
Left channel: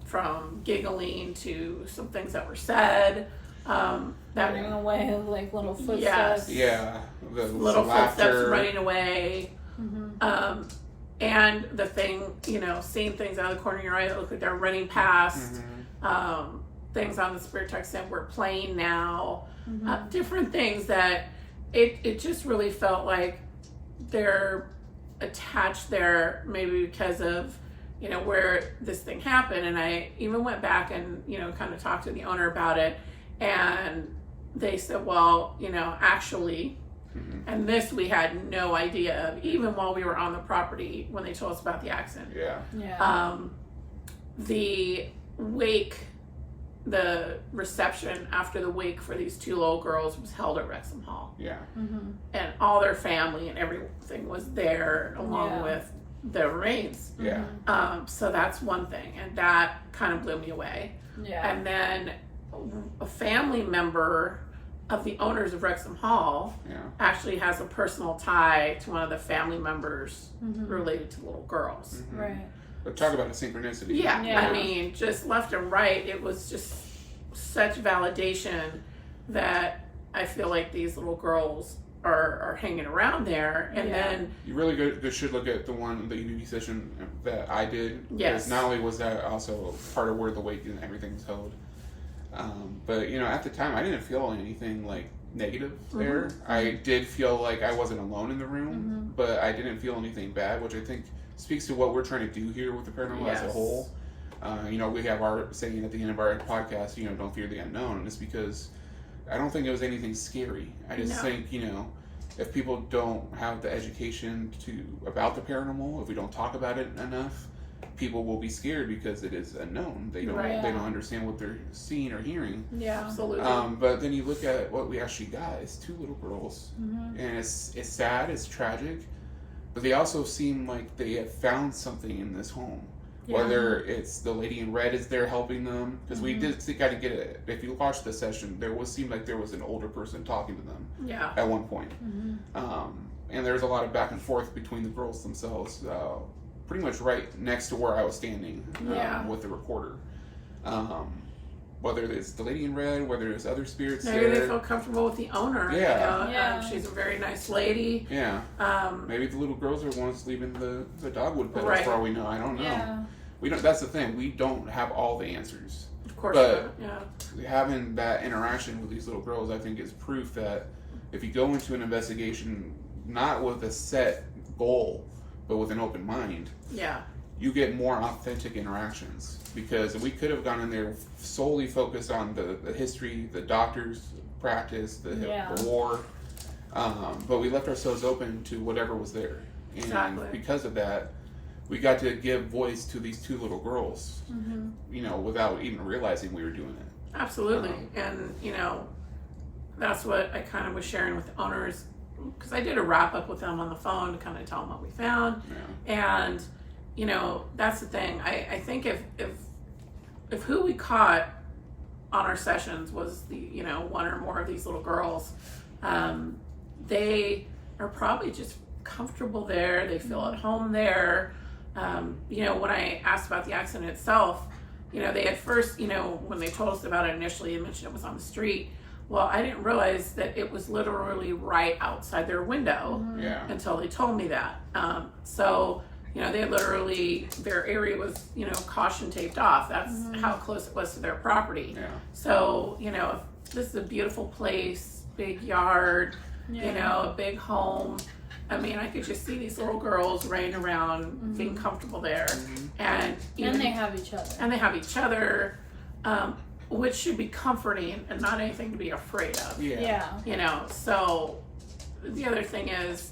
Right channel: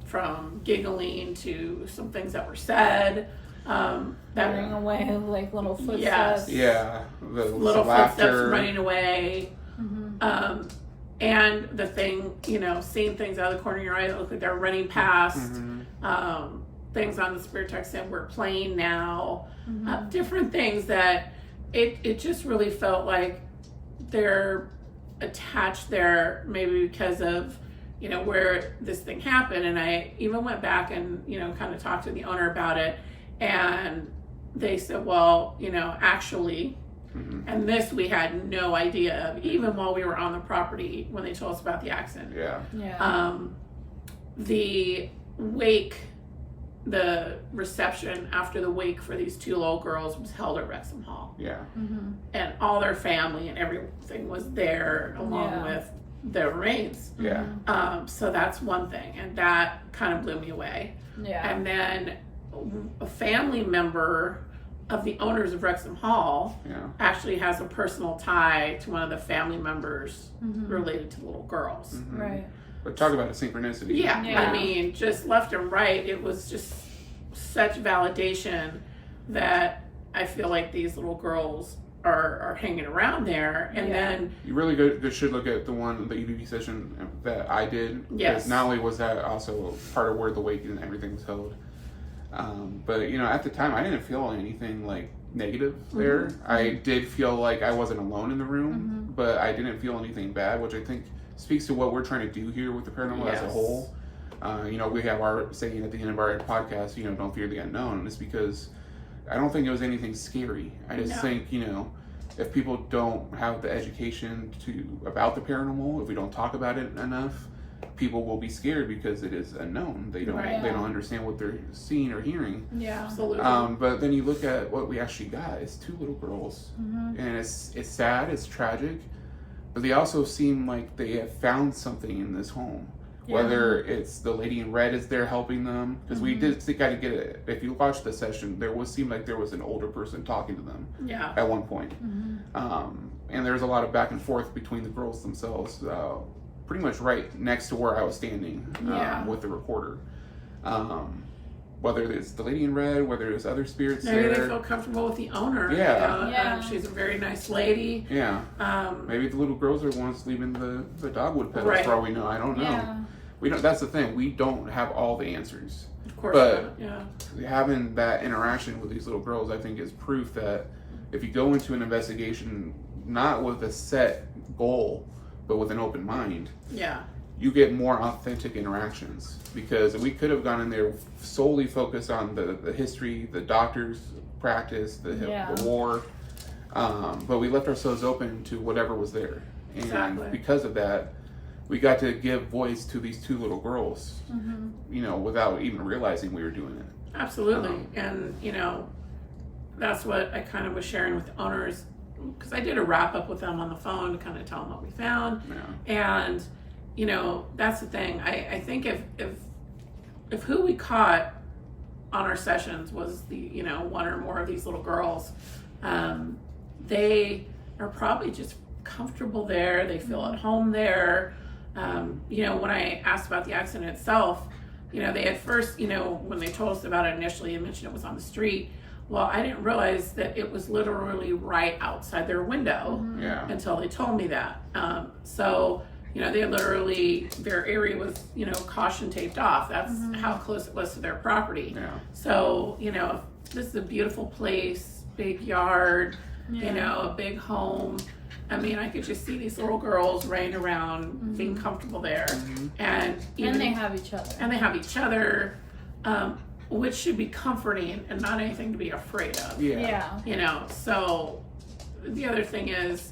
from giggling to some things that were said, running away, like little footsteps. The little laughter. Footsteps running away. And the thing, seeing things out of the corner of your eye that look like they're running past. Things on the spirit text that we're playing now. Different things that it just really felt like they're attached there maybe because of, you know, where this thing happened. And I even went back and, you know, kind of talked to the owner about it, and they said, well, you know, actually, and this we had no idea of, even while we were on the property when they told us about the accident. The wake, the reception after the wake for these two little girls was held at Wrexham Hall. And all their family and everything was there along with the remains. So that's one thing, and that kind of blew me away. And then a family member of the owners of Wrexham Hall actually has a personal tie to one of the family members related to the little girls. But talk about a synchronicity. I mean, just left and right, it was just such validation that I feel like these little girls are hanging around there. And then you really should look at the EVP session that I did. Because not only was that also part of where the wake and everything was held, but you know, at the time I didn't feel anything like negative there. I did feel like I wasn't alone in the room, but I didn't feel anything bad, which I think speaks to what we're trying to do here with the paranormal as a whole. You know, we have our saying at the end of our podcast, you know, don't fear the unknown. And it's because I don't think it was anything scary. I just think, you know, if people don't have the education about the paranormal, if we don't talk about it enough, people will be scared because it is unknown. They don't they don't understand what they're seeing or hearing. Absolutely. But then you look at what we actually got is two little girls, and it's sad, it's tragic, but they also seem like they have found something in this home. Whether it's the lady in red is there helping them, because we did got to get it. If you watch the session, seemed like there was an older person talking to them at one point. And there was a lot of back and forth between the girls themselves, pretty much right next to where I was standing with the recorder. Whether it's the lady in red, whether it's other spirits maybe there. they feel comfortable with the owner. You know? She's a very nice lady. Maybe the little girls are ones leaving the dogwood pedals for all we know. I don't know. We don't. That's the thing. We don't have all the answers. Of course not. Having that interaction with these little girls, I think, is proof that if you go into an investigation not with a set goal, but with an open mind, you get more authentic interactions. Because we could have gone in there solely focused on the history, the doctor's practice, the war, but we left ourselves open to whatever was there. And because of that, we got to give voice to these two little girls, you know, without even realizing we were doing it. Absolutely. And, you know, that's what I kind of was sharing with the owners, because I did a wrap up with them on the phone to kind of tell them what we found. And, you know, that's the thing. I think if who we caught on our sessions was one or more of these little girls, they are probably just comfortable there. They feel at home there. You know, when I asked about the accident itself, you know, they at first, you know, when they told us about it initially, they mentioned it was on the street. Well, I didn't realize that it was literally right outside their window until they told me that. So, you know, their area was, you know, caution taped off. That's how close it was to their property. So, you know, this is a beautiful place, big yard, you know, a big home. I mean, I could just see these little girls running around, being comfortable there. And they have each other. And they have each other, which should be comforting and not anything to be afraid of. You know, so the other thing is,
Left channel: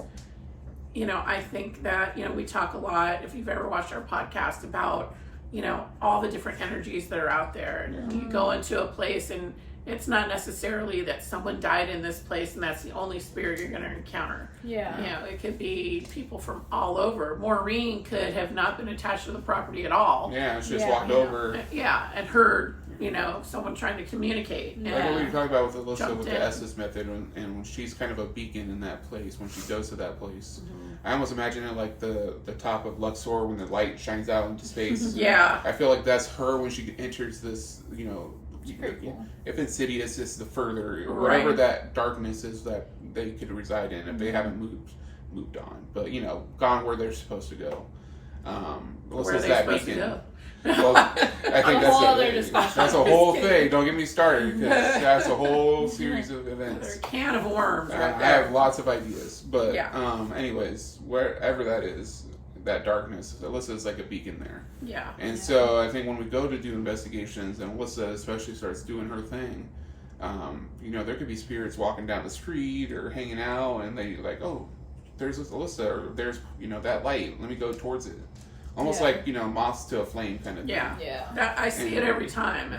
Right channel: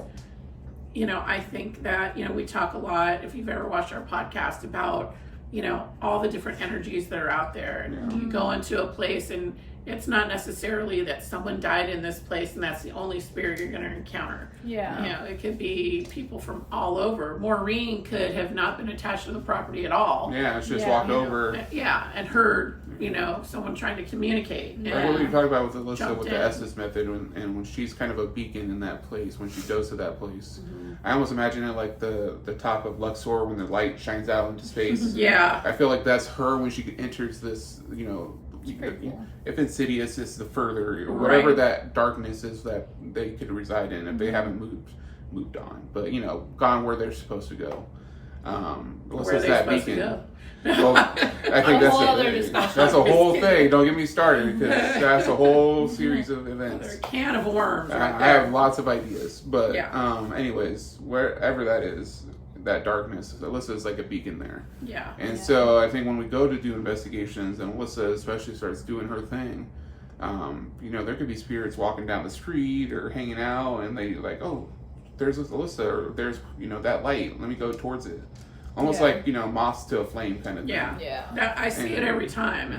you know, I think that, you know, we talk a lot, if you've ever watched our podcast, about, you know, all the different energies that are out there. And you go into a place and it's not necessarily that someone died in this place and that's the only spirit you're going to encounter. You know, it could be people from all over. Maureen could have not been attached to the property at all. It's just walked over. And heard, you know, someone trying to communicate. Like what were you talking about with Alyssa with the Estes method, and when she's kind of a beacon in that place, when she goes to that place. I almost imagine it like the top of Luxor when the light shines out into space. I feel like that's her when she enters this, you know, if Insidious is the further, or whatever that darkness is that they could reside in, if they haven't moved on, but you know, gone where they're supposed to go. Where they're supposed to go. Well, I think A whole other discussion. that's a whole thing. Don't get me started because that's a whole series of events. Another can of worms right I there. have lots of ideas, but Yeah. anyways, wherever that is, that darkness, Alyssa is like a beacon there. Yeah. And so I think when we go to do investigations, and Alyssa especially starts doing her thing, you know, there could be spirits walking down the street or hanging out, and they like, oh, there's this Alyssa, or there's, you know, that light. Let me go towards it. Almost like, you know, moths to a flame kind of thing. Yeah. I see it every time.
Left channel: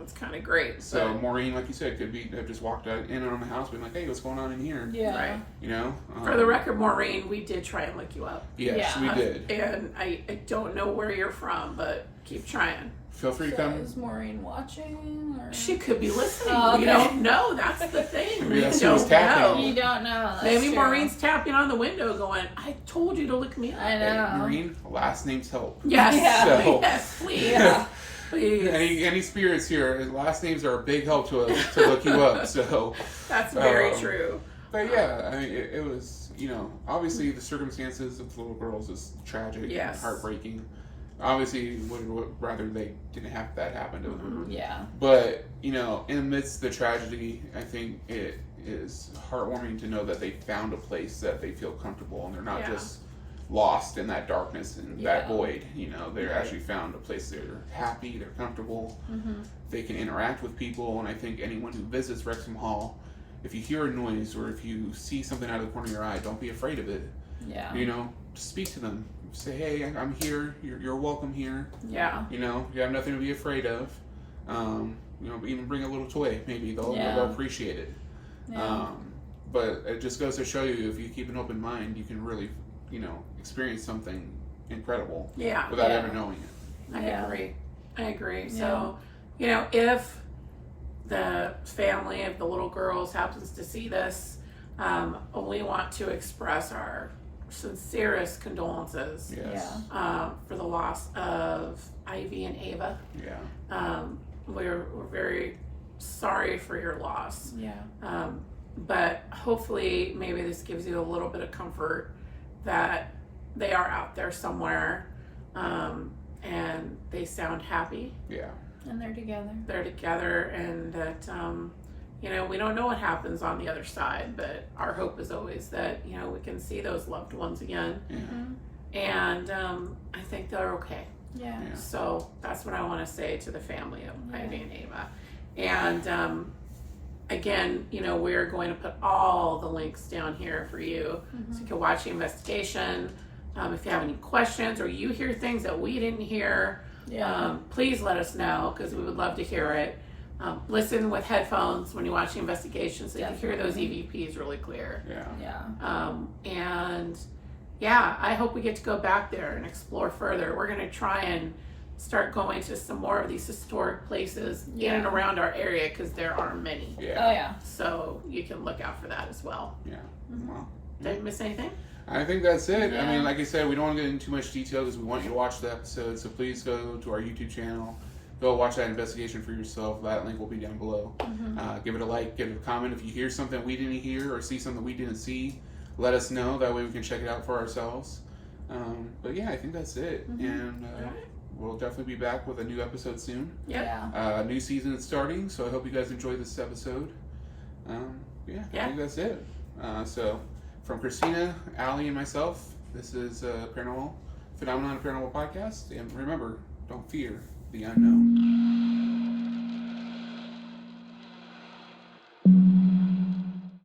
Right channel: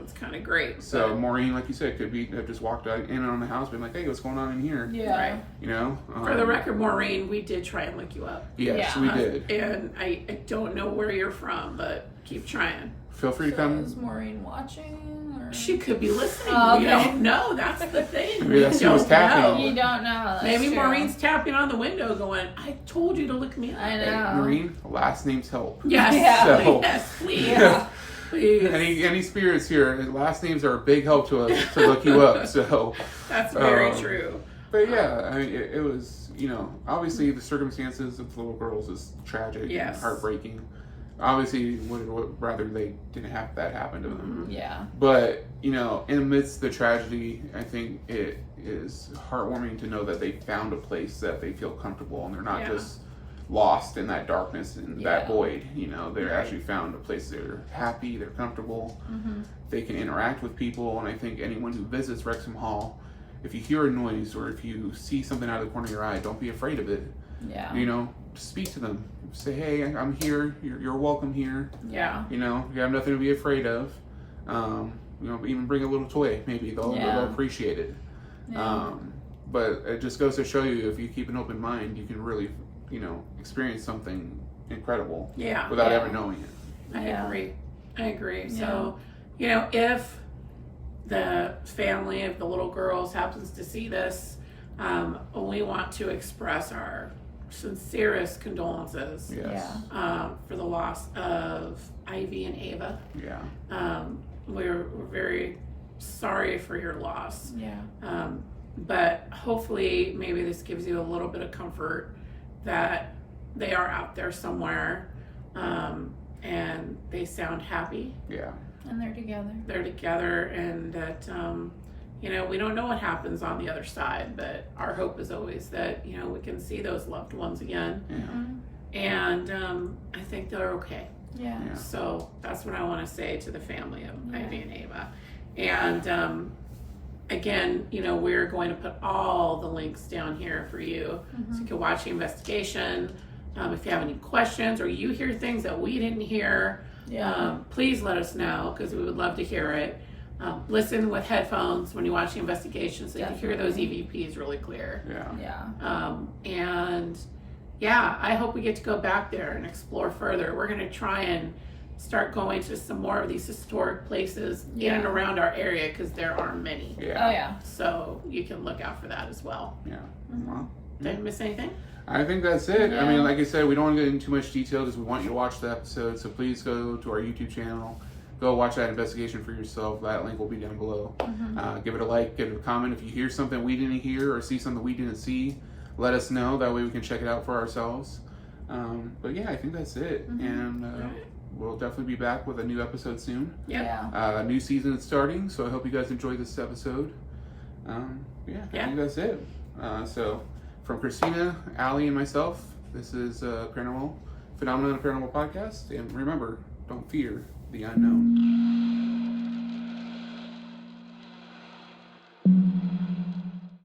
It's kind of great. So but, Maureen, like you said, could be have just walked out in on the house, being like, "Hey, what's going on in here?" Yeah. right. You know. For the record, Maureen, we did try and look you up. Yes, Yeah. we did. And I don't know where you're from, but keep trying. Feel free to So come. is Maureen watching? Or? She could be listening. Oh, We okay. don't know. That's the thing. Maybe We that's don't who's tapping. You know. don't know. That's Maybe true. Maureen's tapping on the window going, I told you to look me up. I know. Maureen, last names help. Yes. Yeah. So- Yes, please. Yeah. Please. Any spirits here, last names are a big help to us to look you up. So, That's very true. but yeah, I mean, it was, you know, obviously the circumstances of the little girls is tragic Yes. and heartbreaking. Obviously, would rather they didn't have that happen to them. Yeah. But, you know, in the midst of the tragedy, I think it is heartwarming to know that they found a place that they feel comfortable and they're not Yeah. just lost in that darkness and that Yeah. void. You know, they're Right. actually found a place they're happy, they're comfortable, Mm-hmm. they can interact with people. And I think anyone who visits Wrexham Hall, if you hear a noise or if you see something out of the corner of your eye, don't be afraid of it. Yeah. You know, speak to them. Say, hey, I'm here. You're welcome here. Yeah. You know, you have nothing to be afraid of. You know, even bring a little toy. Maybe they'll appreciate it. Yeah. But it just goes to show you, if you keep an open mind, you can really, you know, experience something incredible Yeah. without Yeah. ever knowing it. I agree. Yeah. So, you know, if the family of the little girls happens to see this, we want to express our sincerest condolences Yes. for the loss of Ivy and Ava. Yeah. We're very sorry for your loss. Yeah. But hopefully maybe this gives you a little bit of comfort that they are out there somewhere, and they sound happy. Yeah. And they're together. They're together, and that, you know, we don't know what happens on the other side, but our hope is always that, you know, we can see those loved ones again. Yeah. Mm-hmm. And I think they're okay. Yeah. Yeah. So that's what I want to say to the family of Yeah. Ivy and Ava. And again, you know, we're going to put all the links down here for you, so you can watch the investigation. If you have any questions or you hear things that we didn't hear, Yeah. please let us know, because we would love to hear it. Listen with headphones when you watch the investigation, so you can hear those EVPs really clear. Yeah. Yeah. And yeah, I hope we get to go back there and explore further. We're going to try and start going to some more of these historic places in and around our area, because there are many. Yeah. Oh yeah. So you can look out for that as well. Yeah. Mm-hmm. Well, Did I miss anything? I think that's it. I Yeah. mean, like I said, we don't want to get into too much detail because we want you to watch the episode. So please go to our YouTube channel. Go watch that investigation for yourself. That link will be down below. Mm-hmm. Give it a like, give it a comment. If you hear something we didn't hear or see something we didn't see, let us know. That way we can check it out for ourselves. But yeah, I think that's it. Mm-hmm. And we'll definitely be back with a new episode soon. Yeah. A new season is starting, so I hope you guys enjoyed this episode. I think that's it. So from Christina, Allie, and myself, this is Paranormal Phenomenon Paranormal Podcast. And remember, don't fear the unknown.